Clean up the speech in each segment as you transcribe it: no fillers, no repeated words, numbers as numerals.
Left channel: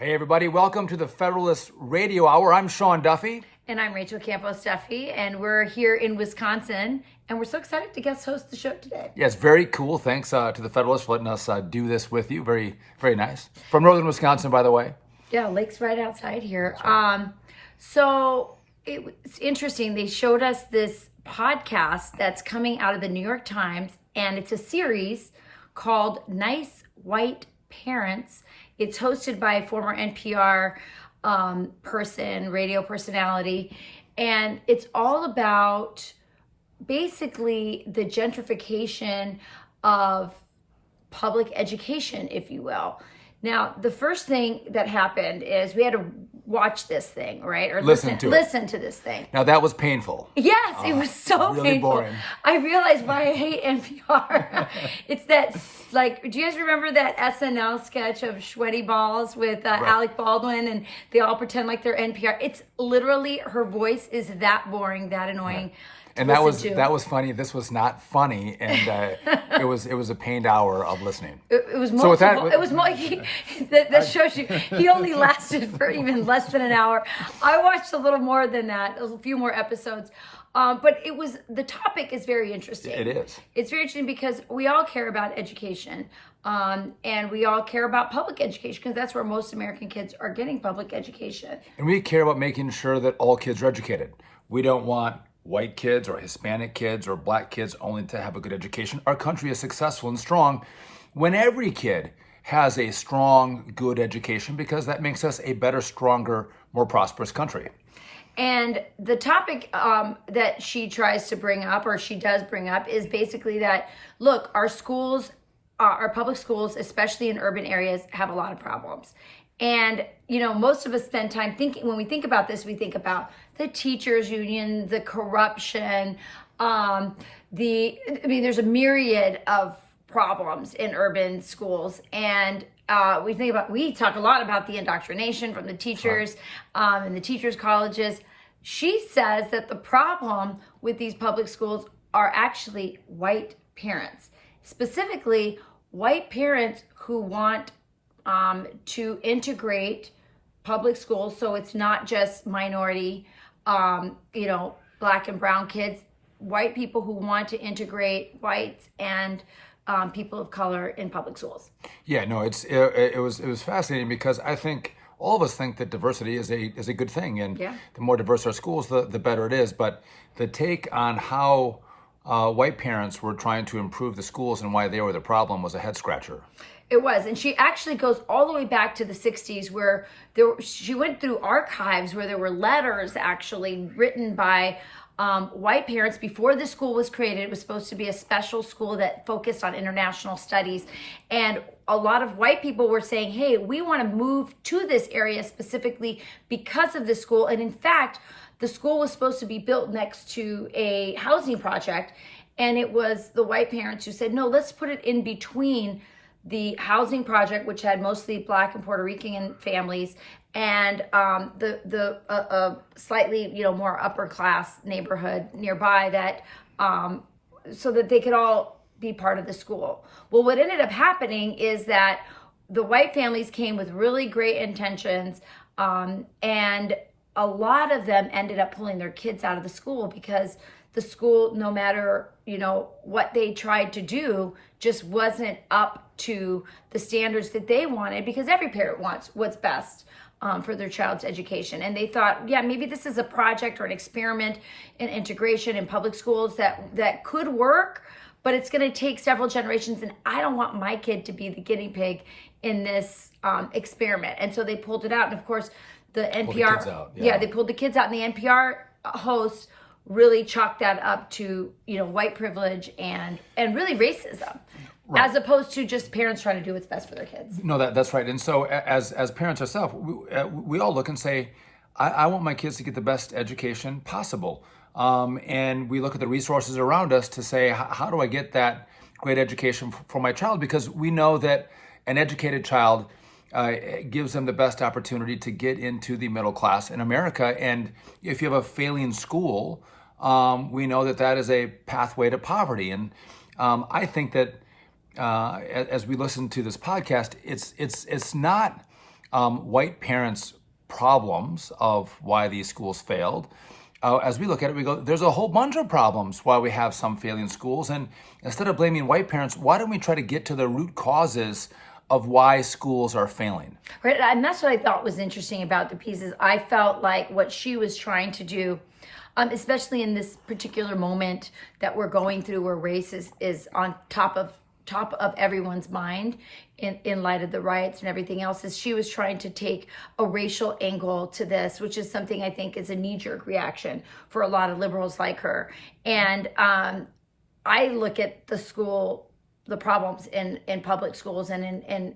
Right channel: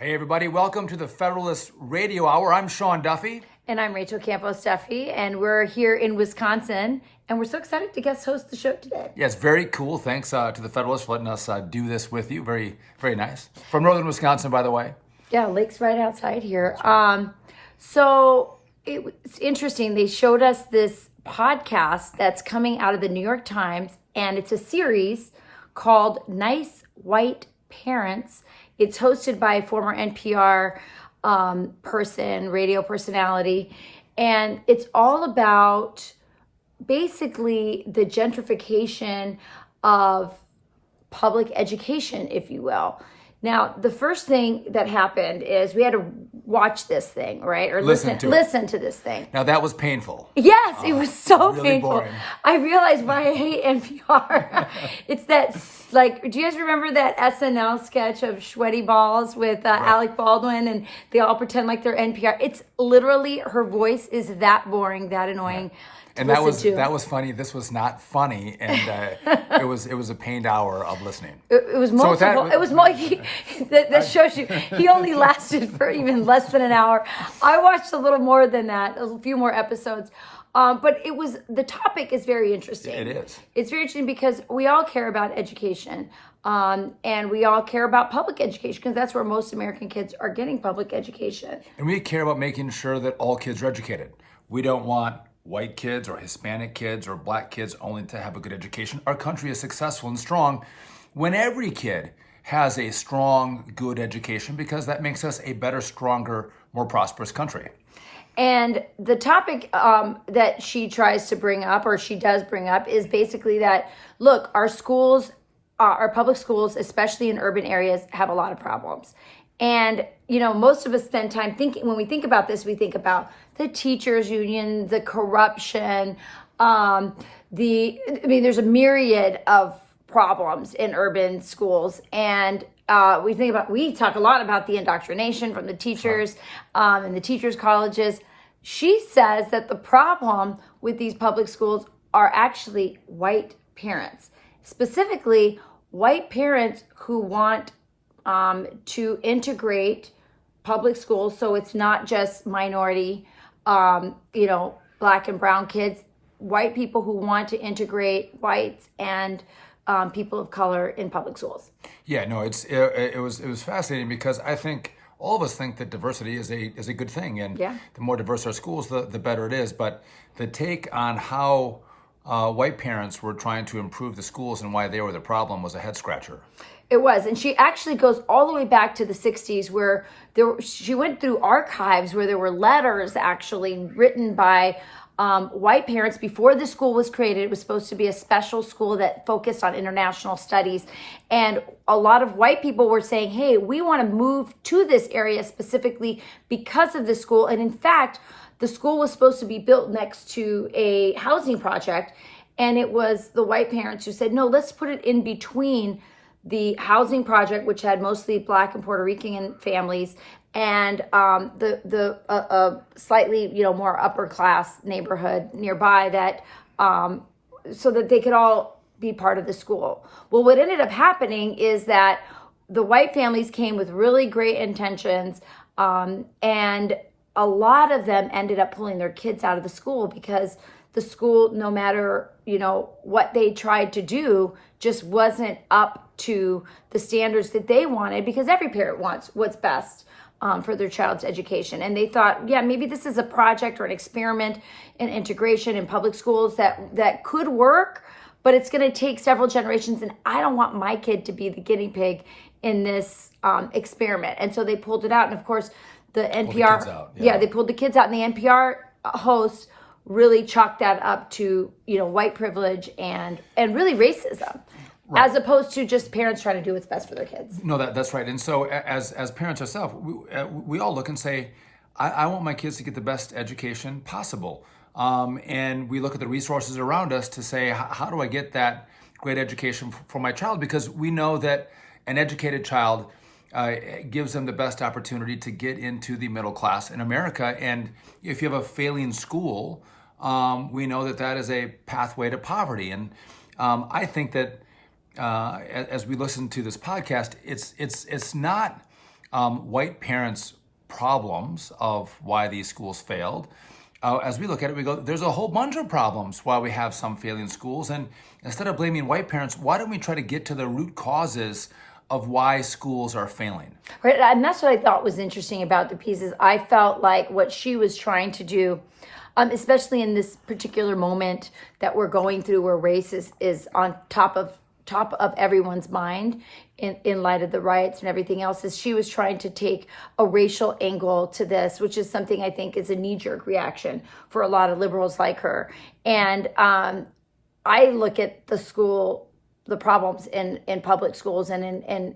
Hey everybody, welcome to the Federalist Radio Hour. I'm Sean Duffy. And I'm Rachel Campos-Duffy, and we're here in Wisconsin, and we're so excited to guest host the show today. Yes, very cool. Thanks to the Federalist for letting us do this with you. Very, very nice. From northern Wisconsin, by the way. Yeah, lake's right outside here. Right. So it's interesting. They showed us this podcast that's coming out of the New York Times, and it's a series called Nice White Parents. It's hosted by a former NPR radio personality, and it's all about basically the gentrification of public education, if you will. Now, the first thing that happened is we had to watch this thing, right? Or listen to this thing. Now, that was painful. Yes, it was so really painful. Boring. I realized why I hate NPR. It's that, do you guys remember that SNL sketch of Sweaty Balls with right. Alec Baldwin, and they all pretend like they're NPR? It's literally, her voice is that boring, that annoying. Right. And that was funny. This was not funny, and it was a pained hour of listening. It was multiple. So it was more. That shows you he only lasted for even less than an hour. I watched a little more than that, a few more episodes. But the topic is very interesting. It is. It's very interesting because we all care about education, and we all care about public education because that's where most American kids are getting public education. And we care about making sure that all kids are educated. We don't want white kids or Hispanic kids or black kids only to have a good education. Our country is successful and strong when every kid has a strong, good education because that makes us a better, stronger, more prosperous country. And the topic that she tries to bring up, or she does bring up, is basically that, look, our schools, our public schools, especially in urban areas, have a lot of problems. And, most of us spend time thinking, when we think about this, we think about the teachers union, the corruption, there's a myriad of problems in urban schools. And we talk a lot about the indoctrination from the teachers and the teachers' colleges. She says that the problem with these public schools are actually white parents, specifically white parents who want to integrate public schools so it's not just minority, black and brown kids, white people who want to integrate whites and people of color in public schools. Yeah, no, it was fascinating because I think all of us think that diversity is a good thing, and the more diverse our schools, the better it is. But the take on how white parents were trying to improve the schools and why they were the problem was a head scratcher. It was, and she actually goes all the way back to the 60s where she went through archives where there were letters actually written by white parents before the school was created. It was supposed to be a special school that focused on international studies. And a lot of white people were saying, hey, we want to move to this area specifically because of this school. And in fact, the school was supposed to be built next to a housing project. And it was the white parents who said, no, let's put it in between the housing project, which had mostly Black and Puerto Rican families, and the slightly more upper class neighborhood nearby that so that they could all be part of the school. Well, what ended up happening is that the white families came with really great intentions, and a lot of them ended up pulling their kids out of the school because the school, no matter what they tried to do, just wasn't up to the standards that they wanted, because every parent wants what's best for their child's education. And they thought, maybe this is a project or an experiment in integration in public schools that could work, but it's going to take several generations, and I don't want my kid to be the guinea pig in this experiment. And so they pulled it out. And of course, the NPR, they pulled the kids out, and the NPR host really chalked that up to white privilege and really racism. Right. As opposed to just parents trying to do what's best for their kids. No, that's right. And so as parents ourselves, we all look and say, I want my kids to get the best education possible. And we look at the resources around us to say, how do I get that great education for my child? Because we know that an educated child gives them the best opportunity to get into the middle class in America. And if you have a failing school, we know that is a pathway to poverty. And I think that as we listen to this podcast, it's not white parents' problems of why these schools failed. As we look at it, we go, there's a whole bunch of problems why we have some failing schools. And instead of blaming white parents, why don't we try to get to the root causes of why schools are failing? Right, and that's what I thought was interesting about the pieces. I felt like what she was trying to do, especially in this particular moment that we're going through, where race is on top of everyone's mind in light of the riots and everything else, is she was trying to take a racial angle to this, which is something I think is a knee-jerk reaction for a lot of liberals like her. And I look at the problems in public schools and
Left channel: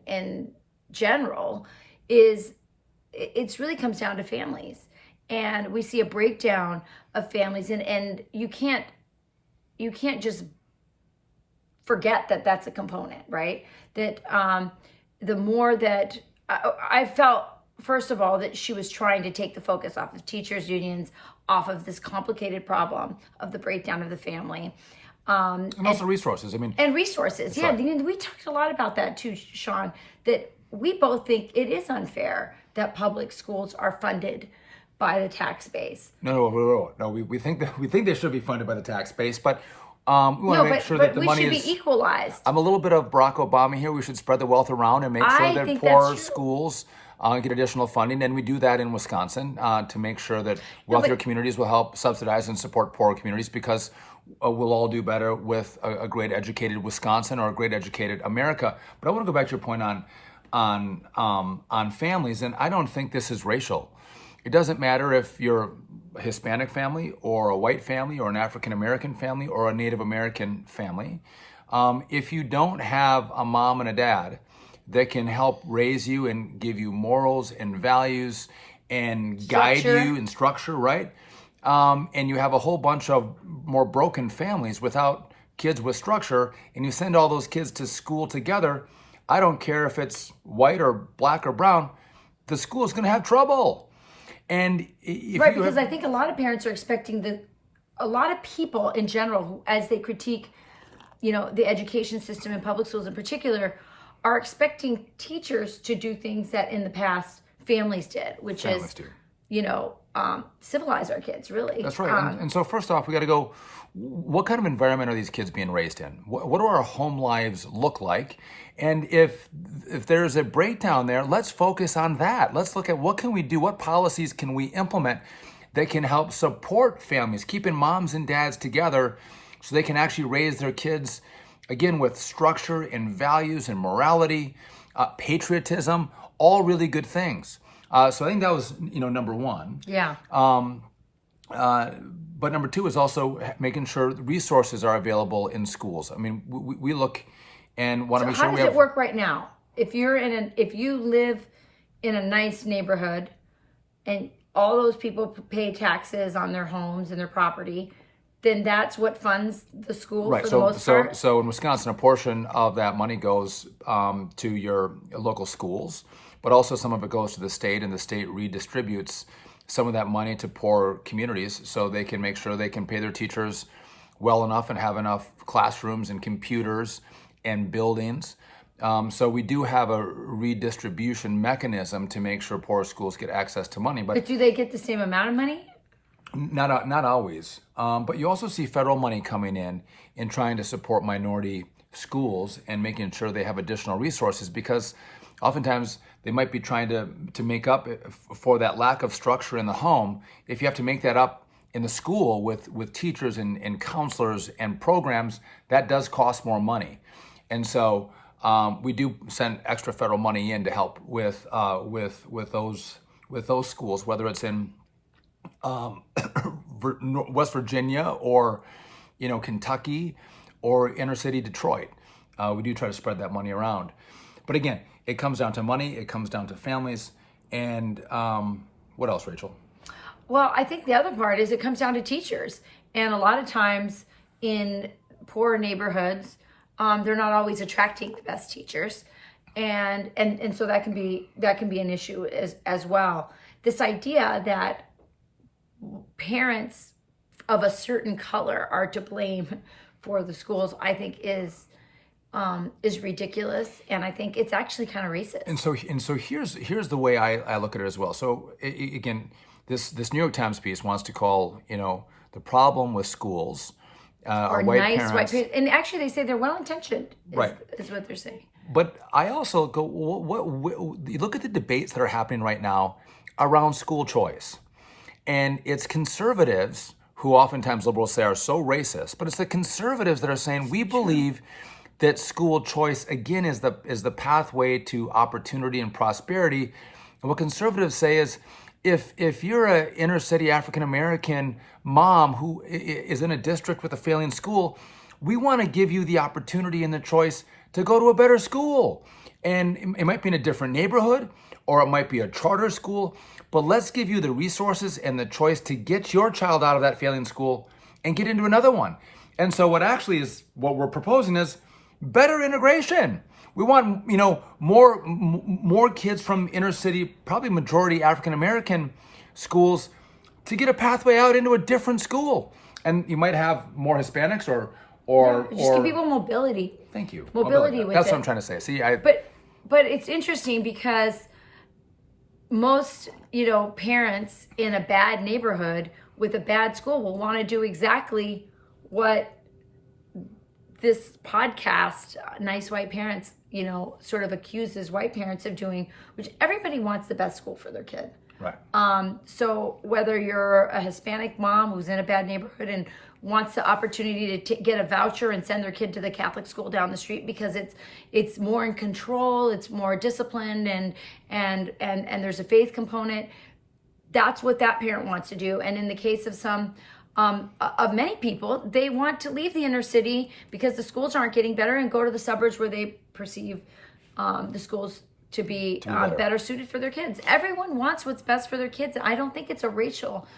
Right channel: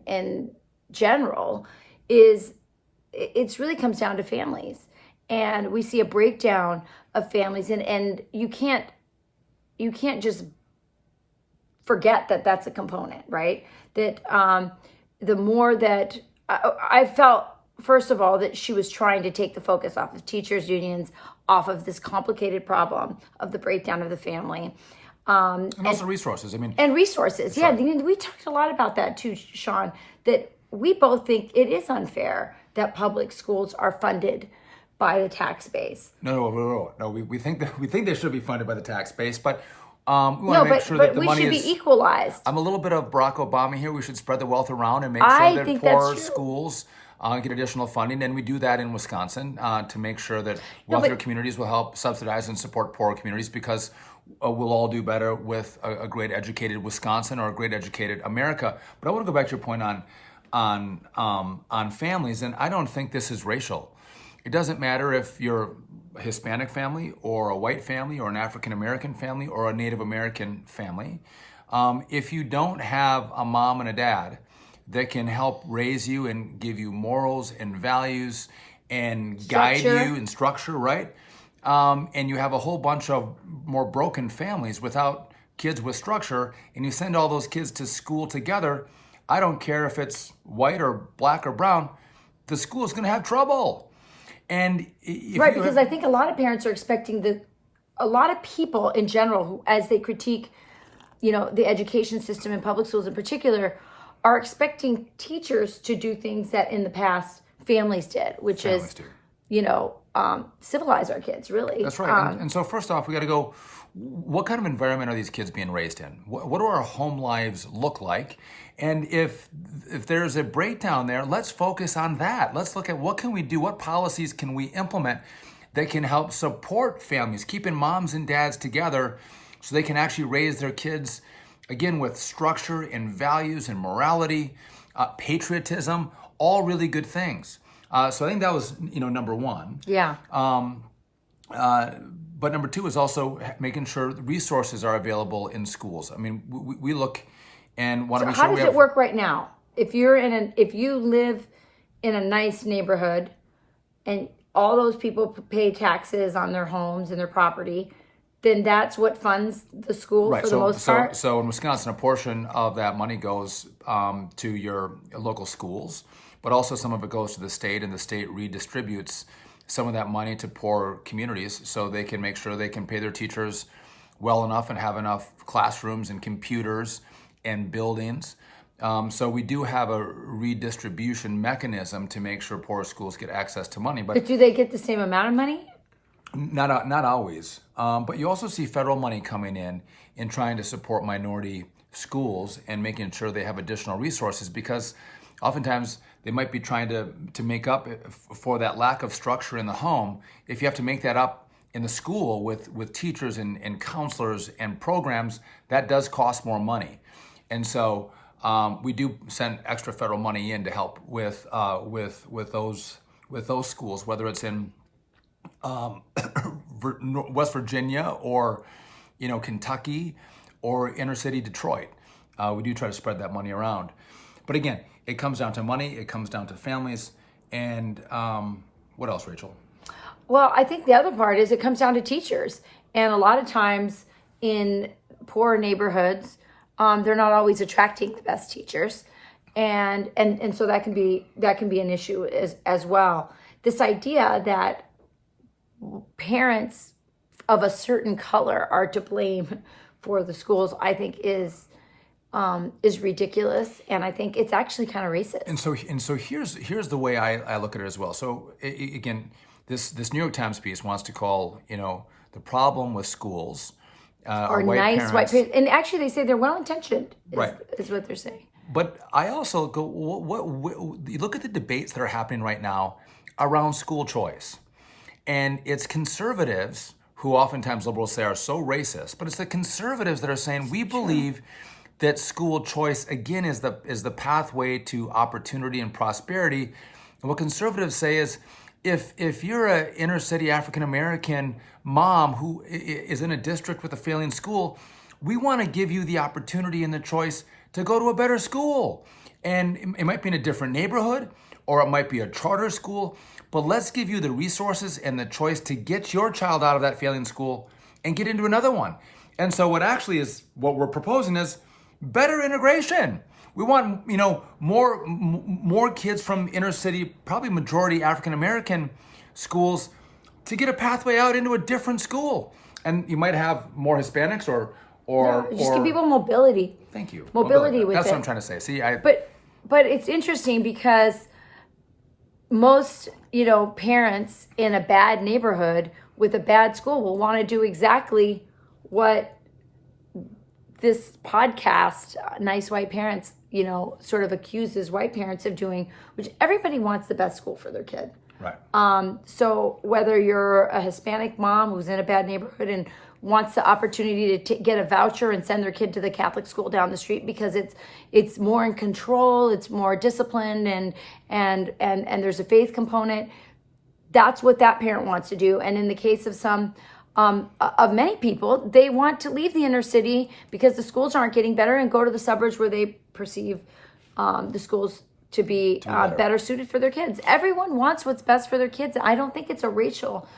in general, it's really comes down to families. And we see a breakdown of families, and you can't just forget that that's a component, right? That the more that I felt, first of all, that she was trying to take the focus off of teachers' unions, off of this complicated problem of the breakdown of the family. And also resources. And resources. Yeah, right. I mean, we talked a lot about that too, Sean, that we both think it is unfair that public schools are funded by the tax base. No. We think they should be funded by the tax base, but we want to make sure that the money is be equalized. I'm a little bit of Barack Obama here. We should spread the wealth around and make sure that poor schools get additional funding, and we do that in Wisconsin to make sure that wealthier communities will help subsidize and support poorer communities, because we'll all do better with a great educated Wisconsin or a great educated America. But I want to go back to your point on families, and I don't think this is racial. It doesn't matter if you're a Hispanic family or a white family or an African American family or a Native American family. If you don't have a mom and a dad that can help raise you and give you morals and values and guide you in structure, right? And you have a whole bunch of more broken families without kids with structure, and you send all those kids to school together, I don't care if it's white or black or brown, the school is going to have trouble. And because I think a lot of parents are expecting a lot of people in general, who, as they critique, the education system in public schools in particular, are expecting teachers to do things that in the past families did, which is civilize our kids, really. That's right. And so first off, we got to go, what kind of environment are these kids being raised in? What do our home lives look like? And if there's a breakdown there, let's focus on that. Let's look at what can we do, what policies can we implement that can help support families, keeping moms and dads together so they can actually raise their kids, again, with structure and values and morality, patriotism, all really good things. So I think that was, number one. Yeah. But number two is also making sure resources are available in schools. I mean, we look and want to make sure we have. How does it work right now? If you live in a nice neighborhood and all those people pay taxes on their homes and their property, then that's what funds the school for the most part? So in Wisconsin, a portion of that money goes to your local schools, but also some of it goes to the state, and the state redistributes some of that money to poor communities so they can make sure they can pay their teachers well enough and have enough classrooms and computers and buildings. So we do have a redistribution mechanism to make sure poor schools get access to money. But do they get the same amount of money? Not always. But you also see federal money coming in trying to support minority schools and making sure they have additional resources, because oftentimes they might be trying to make up for that lack of structure in the home. If you have to make that up in the school with teachers and counselors and programs, that does cost more money. And so we do send extra federal money in to help with those schools, whether it's in West Virginia or Kentucky or inner city Detroit. We do try to spread that money around. But again, it comes down to money, it comes down to families, and what else, Rachel? Well, I think the other part is it comes down to teachers. And a lot of times in poor neighborhoods, they're not always attracting the best teachers. And so that can be an issue as well. This idea that parents of a certain color are to blame for the schools, I think is is ridiculous, and I think it's actually kind of racist. And so here's the way I look at it as well. So again, this New York Times piece wants to call the problem with schools are white nice parents. White, and actually they say they're well intentioned. Right, is what they're saying. But I also go, you look at the debates that are happening right now around school choice, and it's conservatives who oftentimes liberals say are so racist, but it's the conservatives that are saying we believe that school choice again is the pathway to opportunity and prosperity. And what conservatives say is, if you're an inner city African American mom who is in a district with a failing school, we want to give you the opportunity and the choice to go to a better school. And it might be in a different neighborhood, or it might be a charter school, but let's give you the resources and the choice to get your child out of that failing school and get into another one. And so what we're proposing is better integration. We want, more kids from inner city, probably majority African American schools, to get a pathway out into a different school. And you might have more Hispanics or give people mobility. Thank you. Mobility with That's it. what I'm trying to say. See, But it's interesting because most, parents in a bad neighborhood with a bad school will want to do exactly what this podcast, Nice White Parents, sort of accuses white parents of doing, which everybody wants the best school for their kid. Right. So whether you're a Hispanic mom who's in a bad neighborhood and wants the opportunity to get a voucher and send their kid to the Catholic school down the street because it's more in control, it's more disciplined, and there's a faith component. That's what that parent wants to do. And in the case of some of many people, they want to leave the inner city because the schools aren't getting better and go to the suburbs where they perceive the schools to be better suited for their kids. Everyone wants what's best for their kids. I don't think it's a racial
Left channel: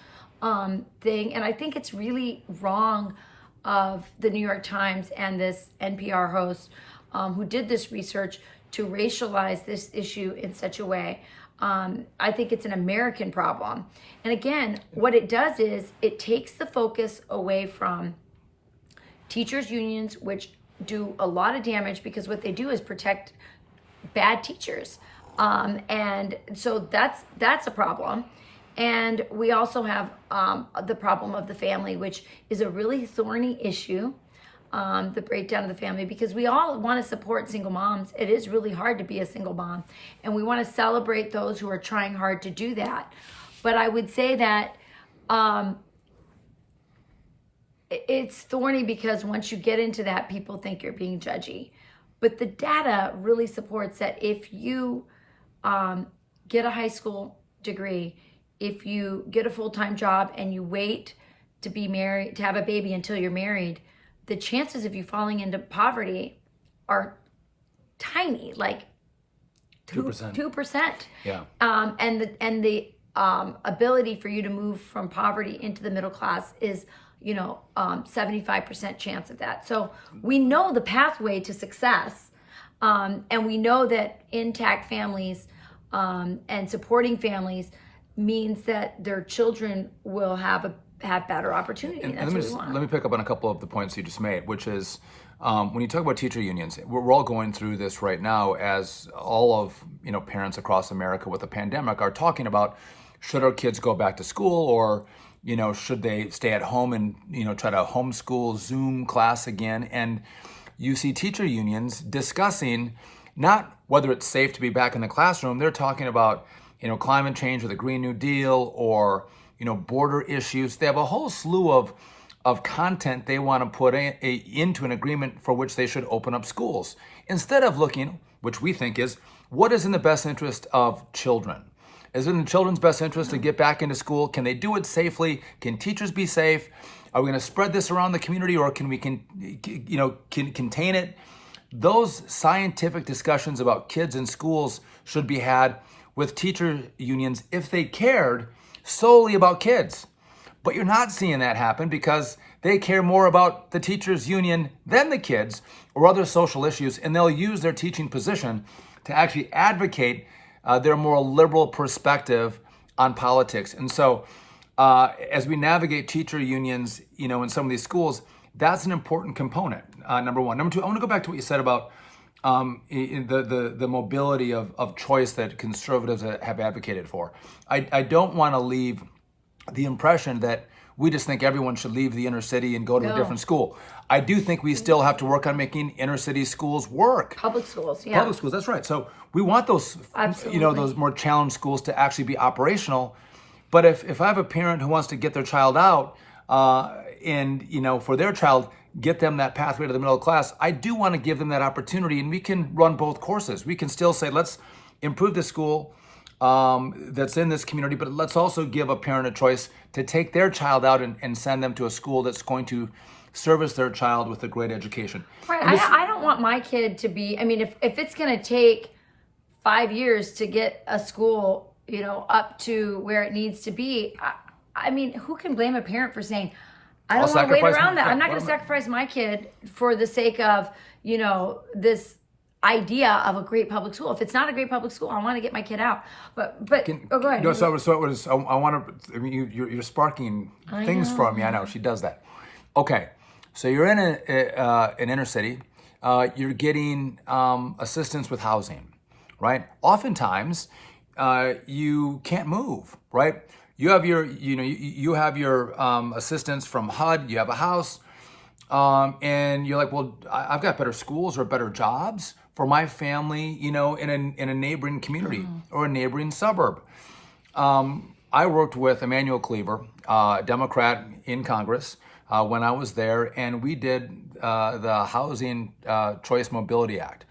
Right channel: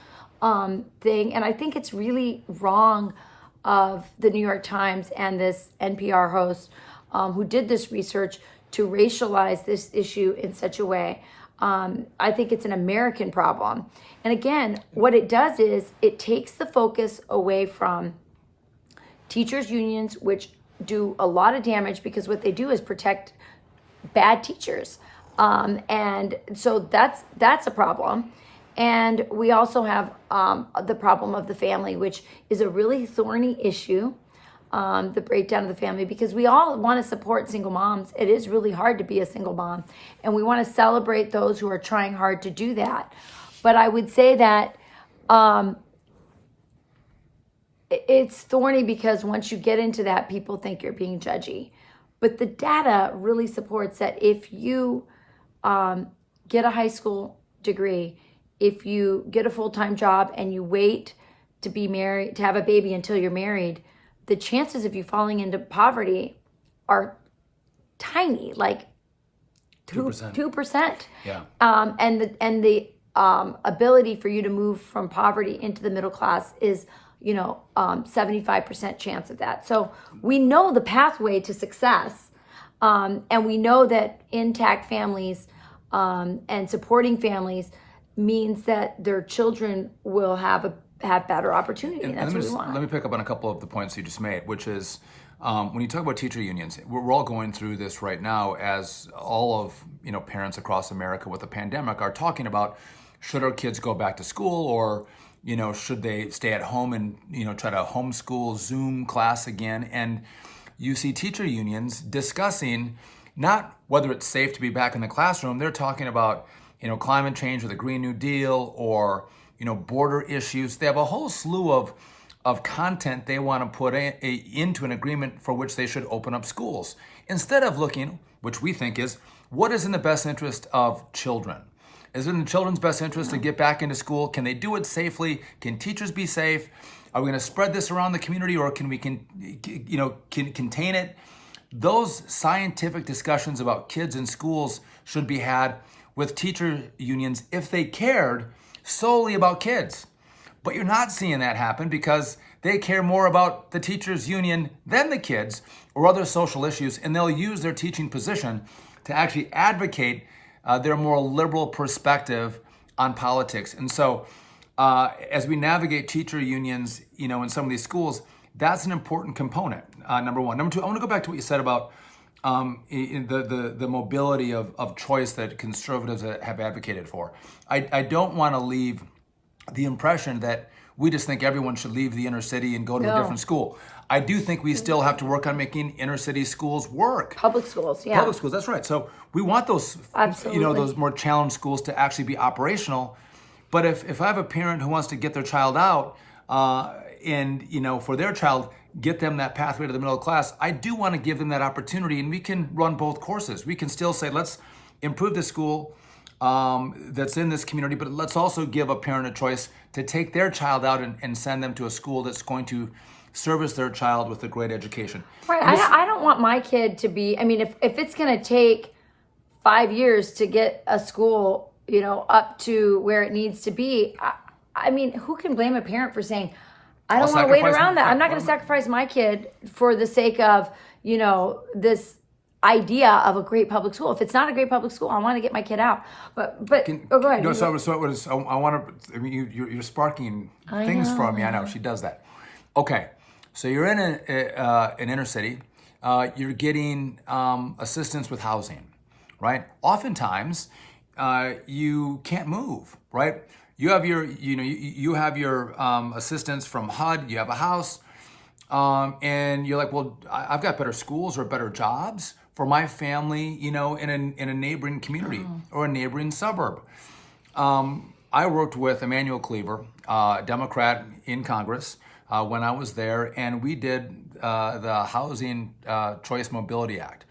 thing, and I think it's really wrong of the New York Times and this NPR host who did this research to racialize this issue in such a way. I think it's an American problem. And again, what it does is it takes the focus away from teachers' unions, which do a lot of damage because what they do is protect bad teachers. And so that's a problem. And we also have the problem of the family, which is a really thorny issue, the breakdown of the family, because we all want to support single moms. It is really hard to be a single mom, and we want to celebrate those who are trying hard to do that. But I would say that it's thorny because once you get into that, people think you're being judgy. But the data really supports that if you get a high school degree, if you get a full-time job and you wait to be married, to have a baby until you're married, the chances of you falling into poverty are tiny, like 2%. 2%. Yeah. And the ability for you to move from poverty into the middle class is 75% chance of that. So we know the pathway to success, and we know that intact families and supporting families means that their children will have better opportunity. And that's what we want. Let me pick up on a couple of the points you just made, which is when you talk about teacher unions, we're all going through this right now as all of parents across America with the pandemic are talking about, should our kids go back to school, or should they stay at home and try to homeschool Zoom class again? And you see teacher unions discussing not whether it's safe to be back in the classroom. They're talking about climate change or the Green New Deal or border issues. They have a whole slew of content they want to put into an agreement for which they should open up schools, instead of looking, which we think is, what is in the best interest of children? Is it in the children's best interest to get back into school? Can they do it safely? Can teachers be safe? Are we going to spread this around the community, or can we contain it? Those scientific discussions about kids in schools should be had with teacher unions if they cared solely about kids. But you're not seeing that happen because they care more about the teachers union than the kids or other social issues, and they'll use their teaching position to actually advocate their more liberal perspective on politics. And so as we navigate teacher unions, in some of these schools, That's an important component, number one. Number two, I want to go back to what you said about in the mobility of choice that conservatives have advocated for. I don't want to leave the impression that we just think everyone should leave the inner city and go to a different school. I do think we still have to work on making inner city schools work. Public schools, yeah. Public schools, that's right. So we want those, those more challenged schools to actually be operational. But if I have a parent who wants to get their child out and, for their child, get them that pathway to the middle class, I do want to give them that opportunity, and we can run both courses. We can still say, let's improve the school that's in this community, but let's also give a parent a choice to take their child out and send them to a school that's going to service their child with a great education. Right. I don't want my kid to be, if it's going to take 5 years to get a school, up to where it needs to be, who can blame a parent for saying, I don't want to wait around that. I'm not going to sacrifice my kid for the sake of, this idea of a great public school. If it's not a great public school, I want to get my kid out. But go ahead. No, I want to. You're sparking things for me. I know she does that. Okay, so you're in an inner city. You're getting assistance with housing, right? Oftentimes, you can't move, right? You have your assistance from HUD. You have a house, and you're like, well, I've got better schools or better jobs for my family, in a neighboring community or a neighboring suburb. I worked with Emmanuel Cleaver, Democrat in Congress, when I was there, and we did the Housing Choice Mobility Act,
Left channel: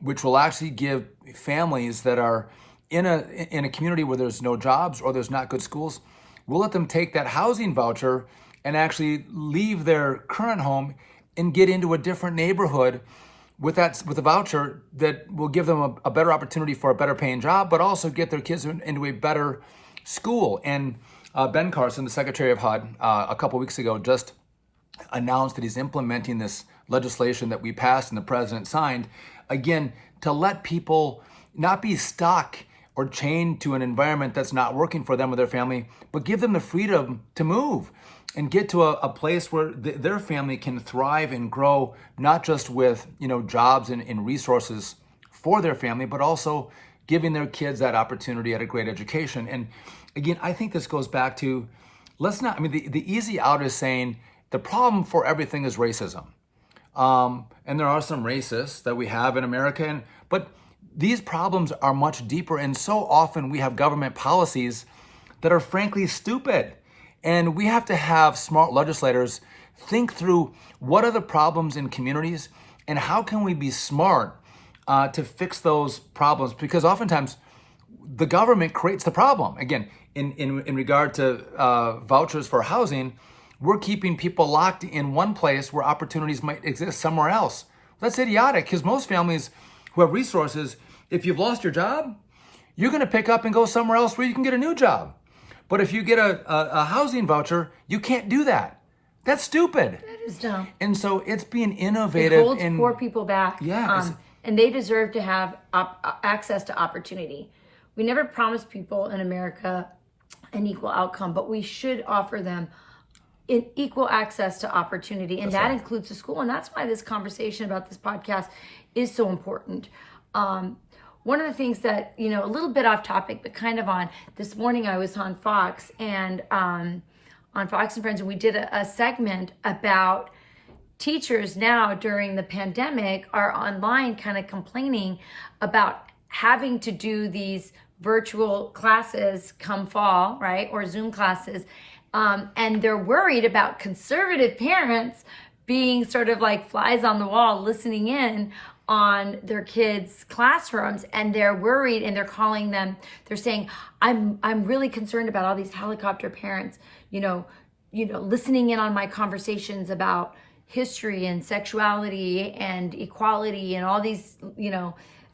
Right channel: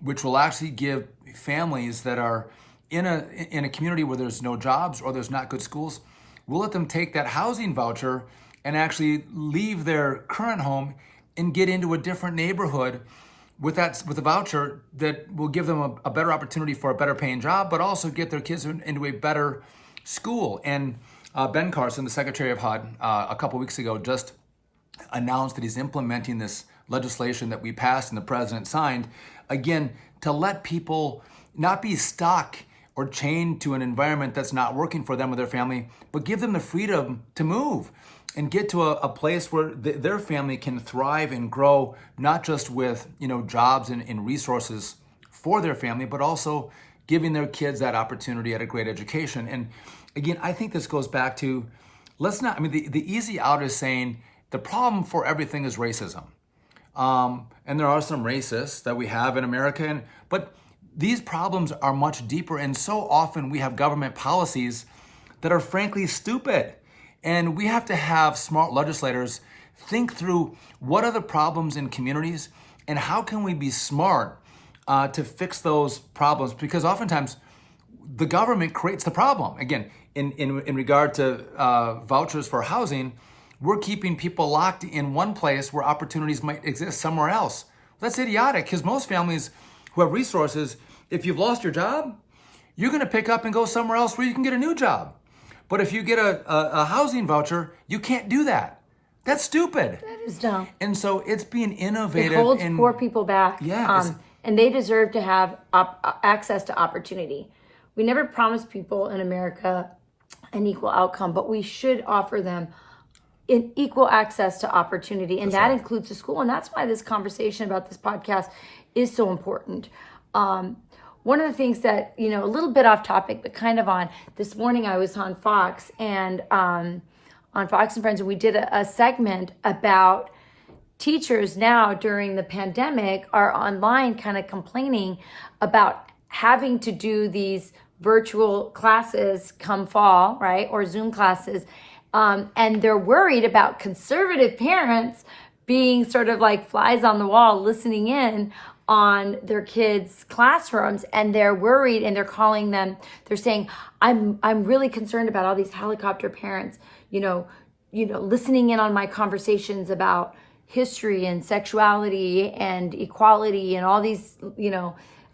which will actually give families that are in a community where there's no jobs or there's not good schools, we'll let them take that housing voucher and actually leave their current home and get into a different neighborhood with a voucher that will give them a better opportunity for a better paying job, but also get their kids into a better school. And Ben Carson, the Secretary of HUD, a couple weeks ago just announced that he's implementing this legislation that we passed and the president signed, again, to let people not be stuck or chained to an environment that's not working for them or their family, but give them the freedom to move and get to a place where their family can thrive and grow, not just with jobs and resources for their family, but also giving their kids that opportunity at a great education. And again, I think this goes back to, the easy out is saying the problem for everything is racism. And there are some racists that we have in America, but these problems are much deeper, and so often we have government policies that are frankly stupid. And we have to have smart legislators think through what are the problems in communities and how can we be smart to fix those problems, because oftentimes the government creates the problem. Again, in regard to vouchers for housing, we're keeping people locked in one place where opportunities might exist somewhere else. That's idiotic, because most families who have resources, if you've lost your job, you're going to pick up and go somewhere else where you can get a new job. But if you get a housing voucher, you can't do that. That's stupid. That is dumb. And so it's being innovative. It holds poor people back. Yeah. And they deserve to have access to opportunity. We never promised people in America an equal outcome, but we should offer them an equal access to opportunity. And that includes the school. And that's why this conversation about this podcast is so important. One of the things that, a little bit off topic, but kind of on, this morning I was on Fox and on Fox and Friends, and we did a segment about teachers now during the pandemic are online kind of complaining about having to do these virtual classes come fall, right? Or Zoom classes. And they're worried about conservative parents being sort of like flies on the wall, listening in on their kids' classrooms, and they're worried, and they're calling them, they're saying, I'm really concerned about all these helicopter parents, listening in on my conversations about history and sexuality and equality and all these,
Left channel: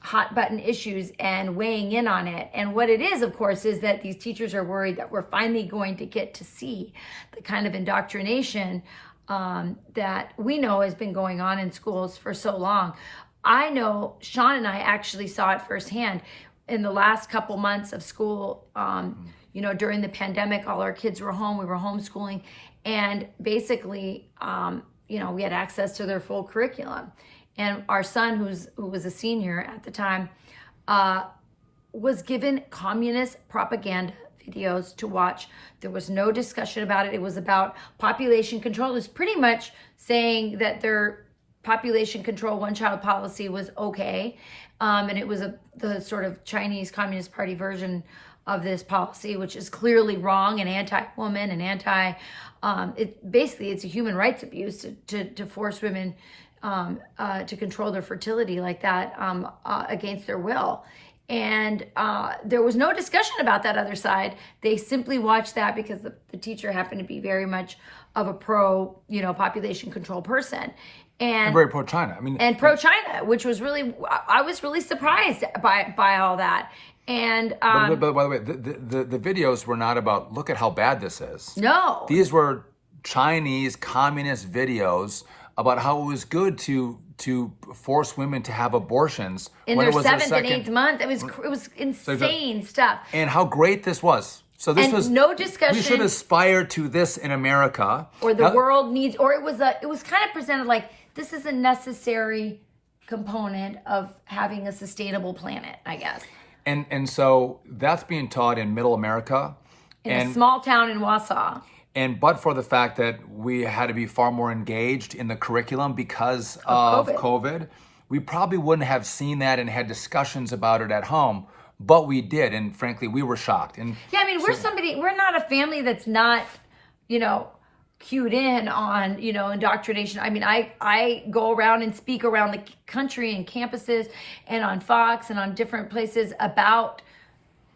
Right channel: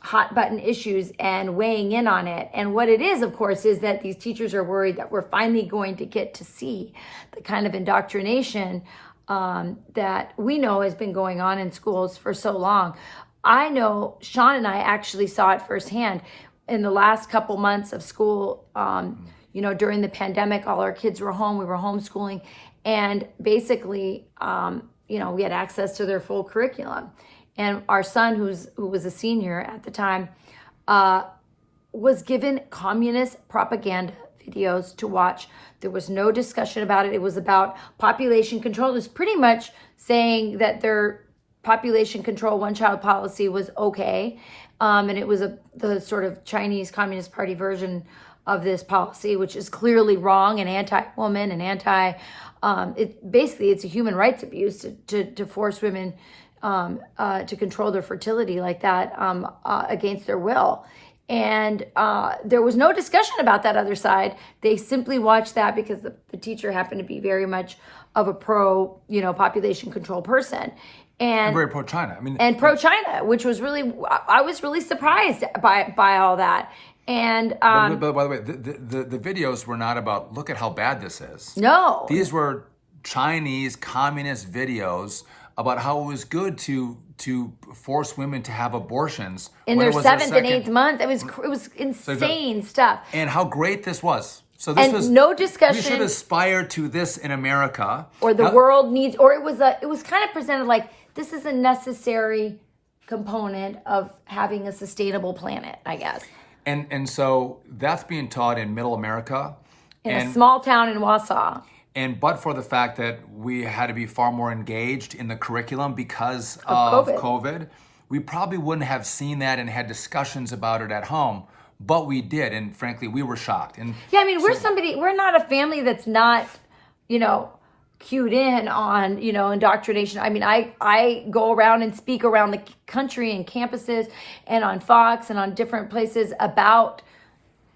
hot button issues, and weighing in on it. And what it is, of course, is that these teachers are worried that we're finally going to get to see the kind of indoctrination that we know has been going on in schools for so long. I know Sean and I actually saw it firsthand in the last couple months of school. During the pandemic, all our kids were home. We were homeschooling. And basically, we had access to their full curriculum. And our son, who was a senior at the time, was given communist propaganda videos to watch. There was no discussion about it. It was about population control. It was pretty much saying that their population control one-child policy was okay. And it was the sort of Chinese Communist Party version of this policy, which is clearly wrong and anti-woman and it's a human rights abuse to force women to control their fertility like that against their will. And there was no discussion about that other side. They simply watched that because the teacher happened to be very much of a pro, population control person. And very pro-China. And pro-China, which was really, I was really surprised by all that. And but by the way, the videos were not about, look at how bad this is. No. These were Chinese communist videos about how it was good to force women to have abortions in when their it was seventh their second and eighth month. It was insane stuff. And how great this was. So this was no discussion. We should aspire to this in America. Or the world needs, or it was kind of presented like this is a necessary component of having a sustainable planet, I guess. And so that's being taught in Middle America. In a small town in Wausau. But for the fact that we had to be far more engaged in the curriculum because of COVID, we probably wouldn't have seen that and had discussions about it at home. But we did, and frankly, we were shocked. And yeah, we're not a family that's not, cued in on, indoctrination. I go around and speak around the country and campuses and on Fox and on different places about,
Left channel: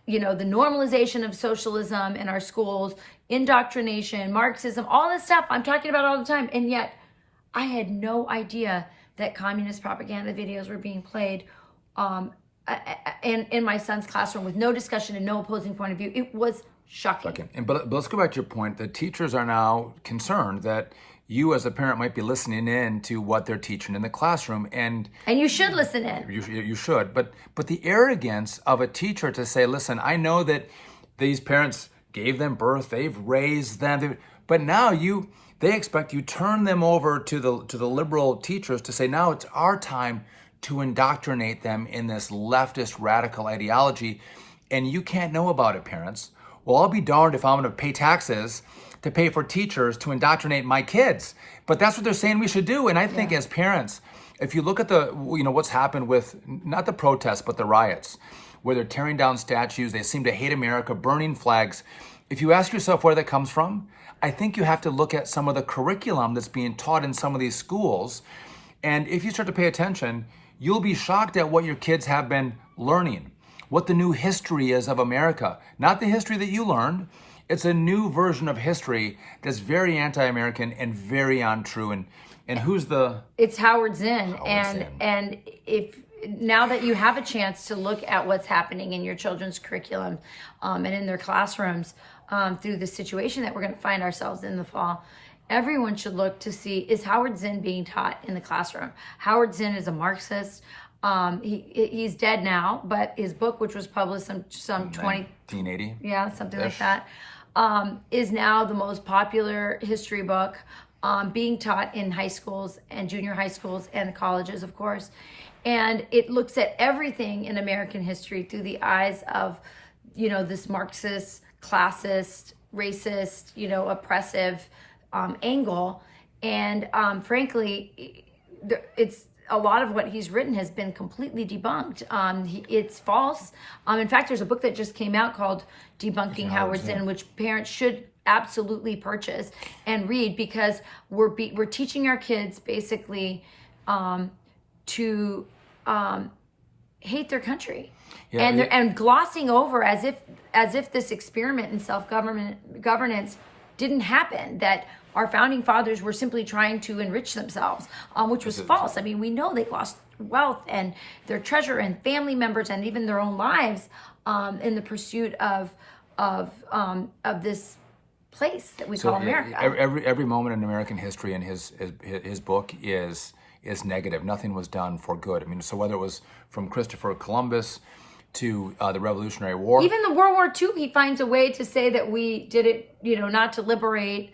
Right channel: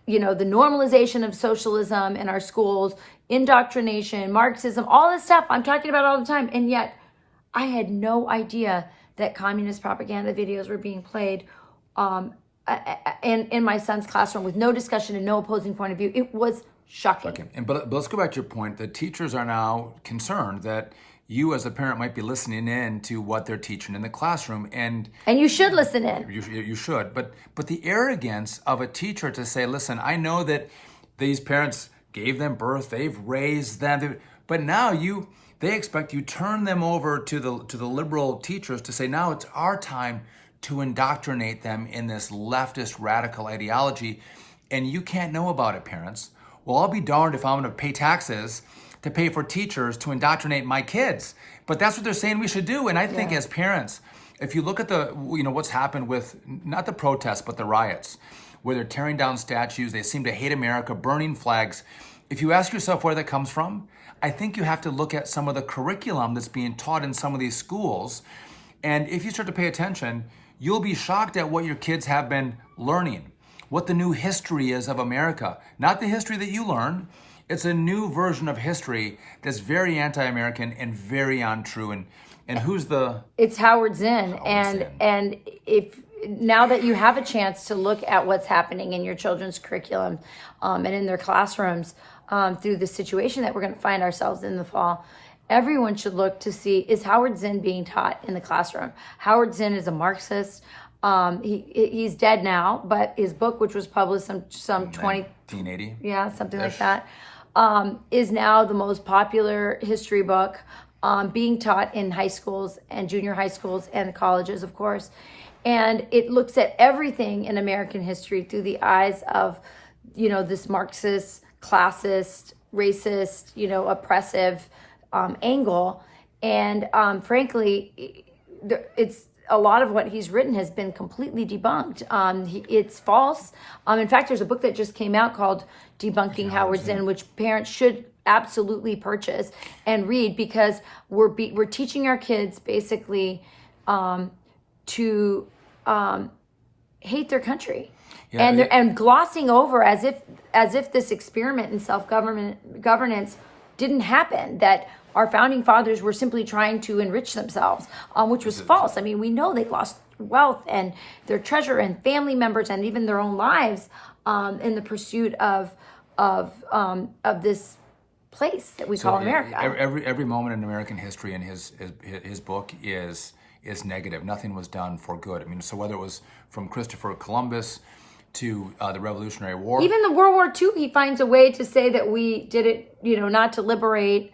the normalization of socialism in our schools, indoctrination, Marxism, all this stuff I'm talking about all the time. And yet I had no idea that communist propaganda videos were being played in my son's classroom with no discussion and no opposing point of view. It was shocking. But let's go back to your point. The teachers are now concerned that you as a parent might be listening in to what they're teaching in the classroom. And you should listen in. You should. But the arrogance of a teacher to say, listen, I know that these parents gave them birth, they've raised them, but now they expect you turn them over to the liberal teachers to say, now it's our time to indoctrinate them in this leftist radical ideology, and you can't know about it, parents. Well, I'll be darned if I'm going to pay taxes to pay for teachers to indoctrinate my kids. But that's what they're saying we should do. And I think as parents, if you look at what's happened with not the protests, but the riots, where they're tearing down statues, they seem to hate America, burning flags. If you ask yourself where that comes from, I think you have to look at some of the curriculum that's being taught in some of these schools. And if you start to pay attention, you'll be shocked at what your kids have been learning, what the new history is of America. Not the history that you learned. It's a new version of history that's very anti-American and very untrue. And who's the... It's Howard Zinn. And if now that you have a chance to look at what's happening in your children's curriculum and in their classrooms through the situation that we're going to find ourselves in the fall, everyone should look to see, is Howard Zinn being taught in the classroom? Howard Zinn is a Marxist. He's dead now, but his book, which was published some 1980, something like that, is now the most popular history book being taught in high schools and junior high schools and colleges, of course. And it looks at everything in American history through the eyes of, this Marxist, classist, racist, oppressive angle. And frankly, it's a lot of what he's written has been completely debunked. It's false. In fact, there's a book that just came out called Debunking Howard Zinn, which parents should absolutely purchase and read, because we're teaching our kids basically to hate their country, and glossing over as if this experiment in governance didn't happen, that our founding fathers were simply trying to enrich themselves, which was false. We know they lost wealth and their treasure and family members and even their own lives in the pursuit of this place that we call America. Every moment in American history in his book is negative. Nothing was done for good. So whether it was from Christopher Columbus to the Revolutionary War, even the World War II, he finds a way to say that we did it, not to liberate,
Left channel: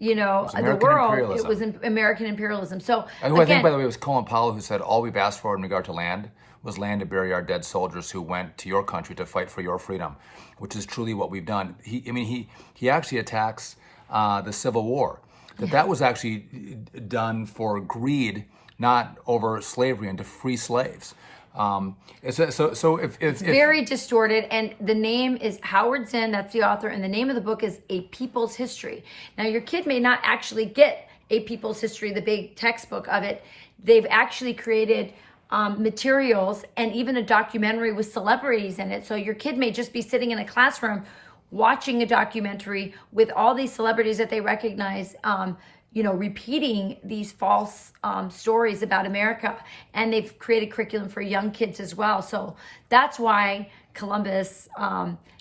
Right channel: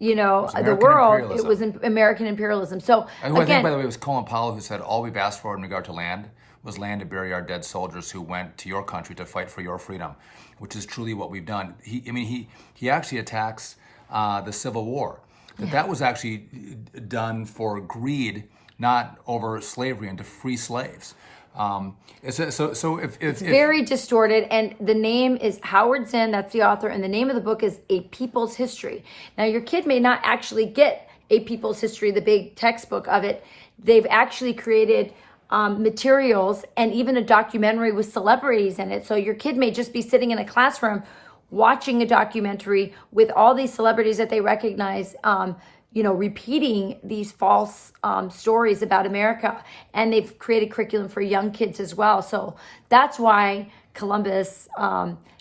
the American world. imperialism. It was American imperialism. So Who I think, by the way, was Colin Powell, who said, all we've asked for in regard to land was land to bury our dead soldiers who went to your country to fight for your freedom, which is truly what we've done. He actually attacks the Civil War, that was actually done for greed, not over slavery and to free slaves. It's very distorted, and the name is Howard Zinn, that's the author, and the name of the book is A People's History. Now, your kid may not actually get A People's History, the big textbook of it. They've actually created materials and even a documentary with celebrities in it. So your kid may just be sitting in a classroom watching a documentary with all these celebrities that they recognize, repeating these false stories about America. And they've created curriculum for young kids as well. So that's why Columbus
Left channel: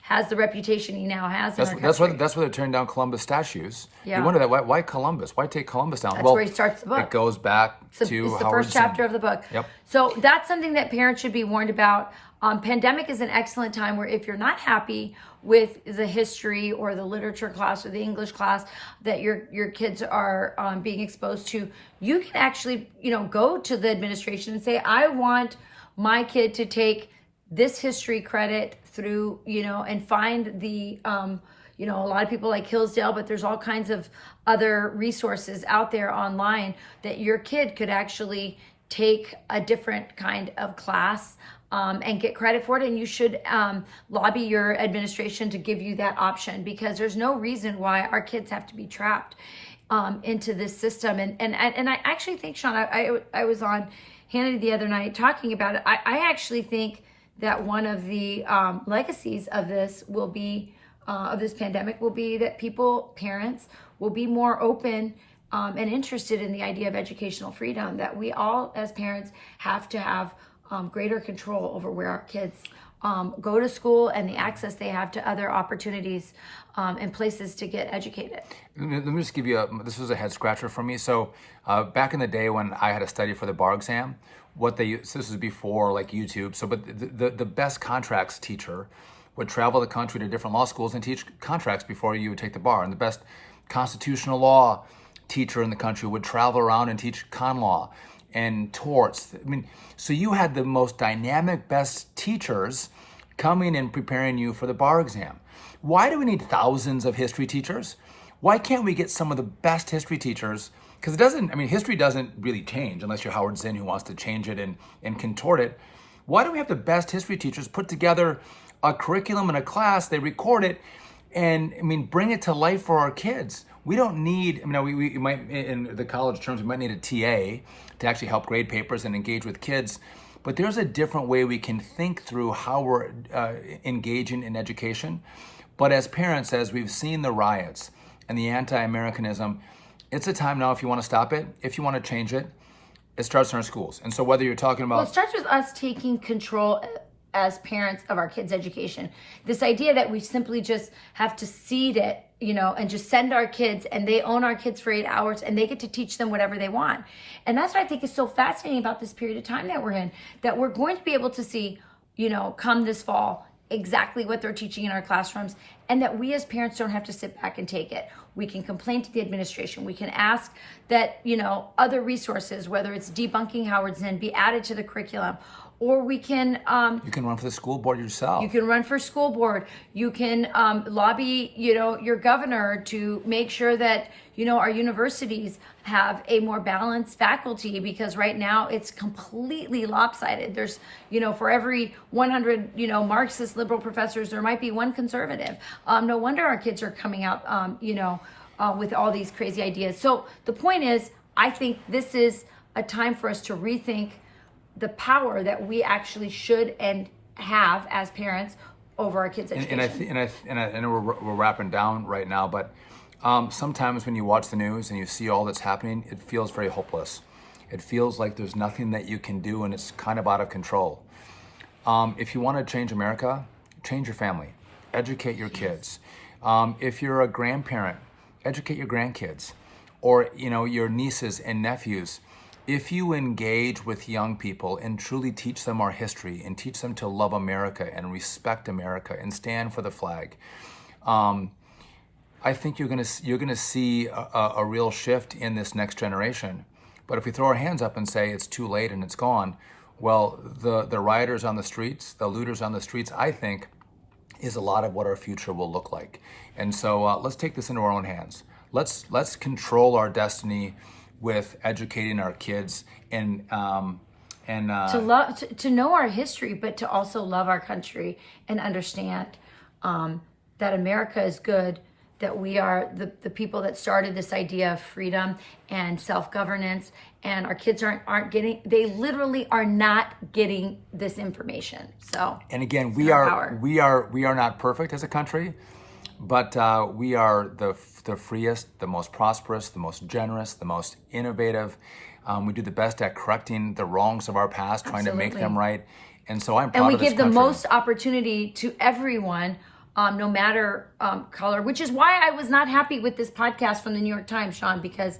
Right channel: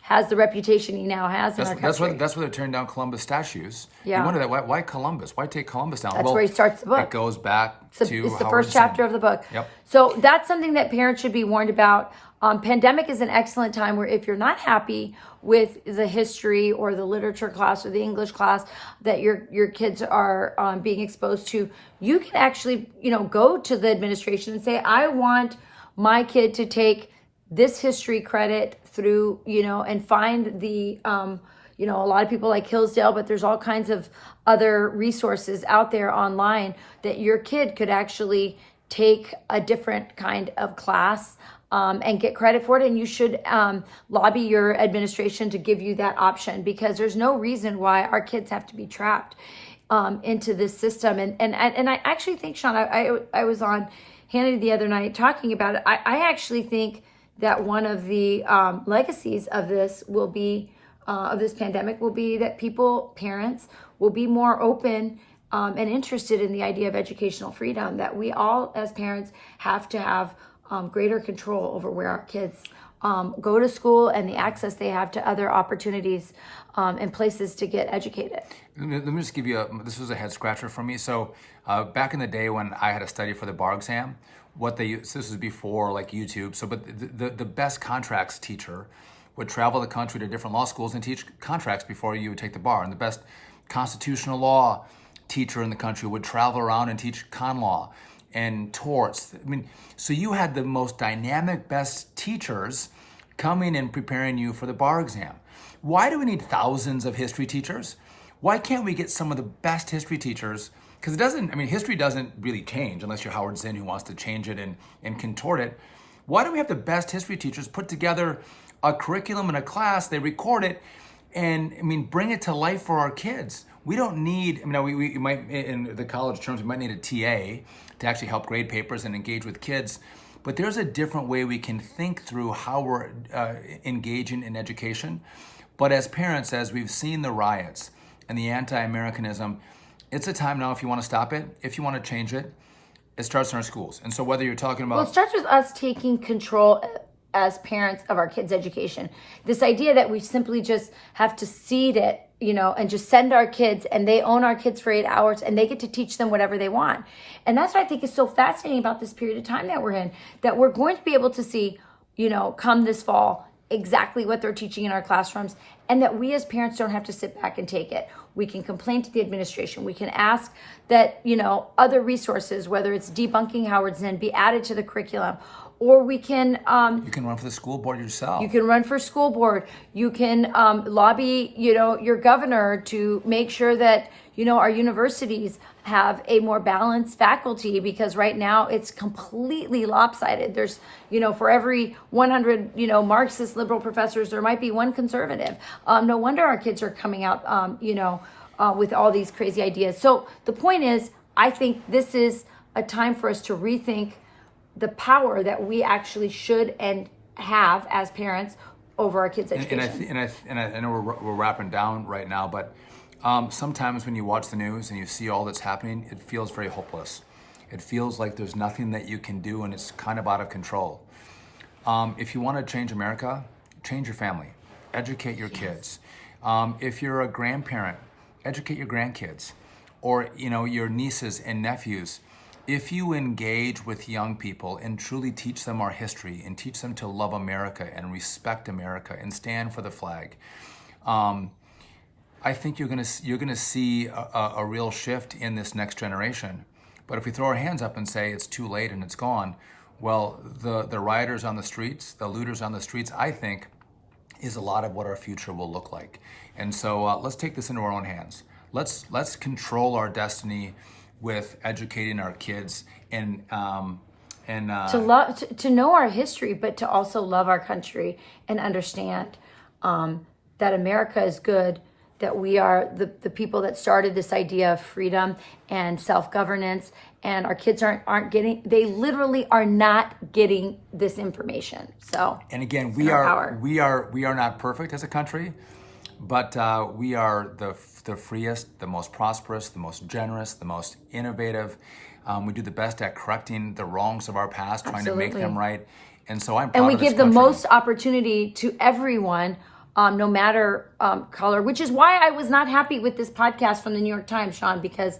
has the reputation he now has. That's why they're tearing down Columbus statues. Yeah. You wonder that why Columbus? Why take Columbus down? That's where he starts the book. It goes back to it's the Howard first chapter Zinn. of the book. Yep. So that's something that parents should be warned about. Pandemic is an excellent time where if you're not happy with the history or the literature class or the English class that your kids are being exposed to, you can actually, go to the administration and say, I want my kid to take this history credit through, and find the, a lot of people like Hillsdale, but there's all kinds of other resources out there online that your kid could actually take a different kind of class and get credit for it. And you should lobby your administration to give you that option, because there's no reason why our kids have to be trapped into this system. And I actually think, Sean, I was on Hannity the other night talking about it. I actually think that one of the legacies of this will be, of this pandemic, will be that parents will be more open and interested in the idea of educational freedom, that we all as parents have to have greater control over where our kids go to school and the access they have to other opportunities and places to get educated. Let me just give you this was a head scratcher for me. So back in the day when I had to study for the bar exam, this was before like YouTube. But the best contracts teacher would travel the country to different law schools and teach contracts before you would take the bar. And the best constitutional law teacher in the country would travel around and teach con law and torts. So you had the most dynamic, best teachers coming and preparing you for the bar exam. Why do we need thousands of history teachers? Why can't we get some of the best history teachers? Because history doesn't really change unless you're Howard Zinn, who wants to change it and contort it. Why do we have the best history teachers put together a curriculum and a class, they record it, and bring it to life for our kids? We don't need, we might, in the college terms, we might need a TA to actually help grade papers and engage with kids. But there's a different way we can think through how we're engaging in education. But as parents, as we've seen the riots and the anti-Americanism, it's a time now, if you want to stop it, if you want to change it, it starts in our schools. And so whether you're talking about... Well, it starts with us taking control as parents of our kids' education. This idea that we simply just have to seed it, and just send our kids, and they own our kids for 8 hours, and they get to teach them whatever they want. And that's what I think is so fascinating about this period of time that we're in, that we're going to be able to see, come this fall, exactly what they're teaching in our classrooms, and that we as parents don't have to sit back and take it. We can complain to the administration. We can ask that, other resources, whether it's debunking Howard Zinn, be added to the curriculum. Or we can... you can run for the school board yourself. You can run for school board. You can lobby, your governor to make sure that, our universities have a more balanced faculty, because right now it's completely lopsided. There's, for every 100, Marxist liberal professors, there might be one conservative. No wonder our kids are coming out, with all these crazy ideas. So the point is, I think this is a time for us to rethink the power that we actually should and have as parents over our kids' education. And I know we're wrapping down right now, but sometimes when you watch the news and you see all that's happening, it feels very hopeless. It feels like there's nothing that you can do, and it's kind of out of control. If you want to change America, change your family, educate your kids. If you're a grandparent, educate your grandkids, or your nieces and nephews. If you engage with young people and truly teach them our history and teach them to love America and respect America and stand for the flag, I I think you're gonna see a real shift in this next generation. But if we throw our hands up and say it's too late and it's gone, well, the rioters on the streets, the looters on the streets, I think, is a lot of what our future will look like. And so let's take this into our own hands. Let's control our destiny with educating our kids and to know our history, but to also love our country and understand that America is good, that we are the people that started this idea of freedom and self-governance, and our kids they literally are not getting this information. So, and again, we are not perfect as a country, but we are the freest, the most prosperous, the most generous, the most innovative. We do the best at correcting the wrongs of our past, trying to make them right. And so I'm proud of this country. And we give the most opportunity to everyone, no matter color, which is why I was not happy with this podcast from the New York Times, Sean, because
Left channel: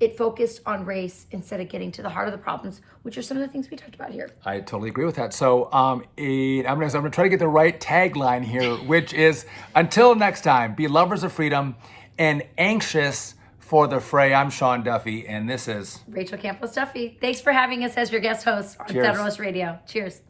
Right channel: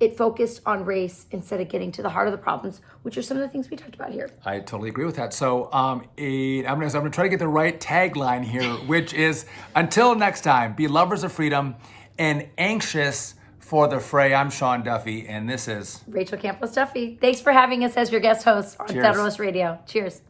it focused on race instead of getting to the heart of the problems, which are some of the things we talked about here. I totally agree with that. So I'm gonna try to get the right tagline here, which is, until next time, be lovers of freedom and anxious for the fray. I'm Sean Duffy, and this is Rachel Campos-Duffy. Thanks for having us as your guest host on Cheers. Federalist Radio. Cheers.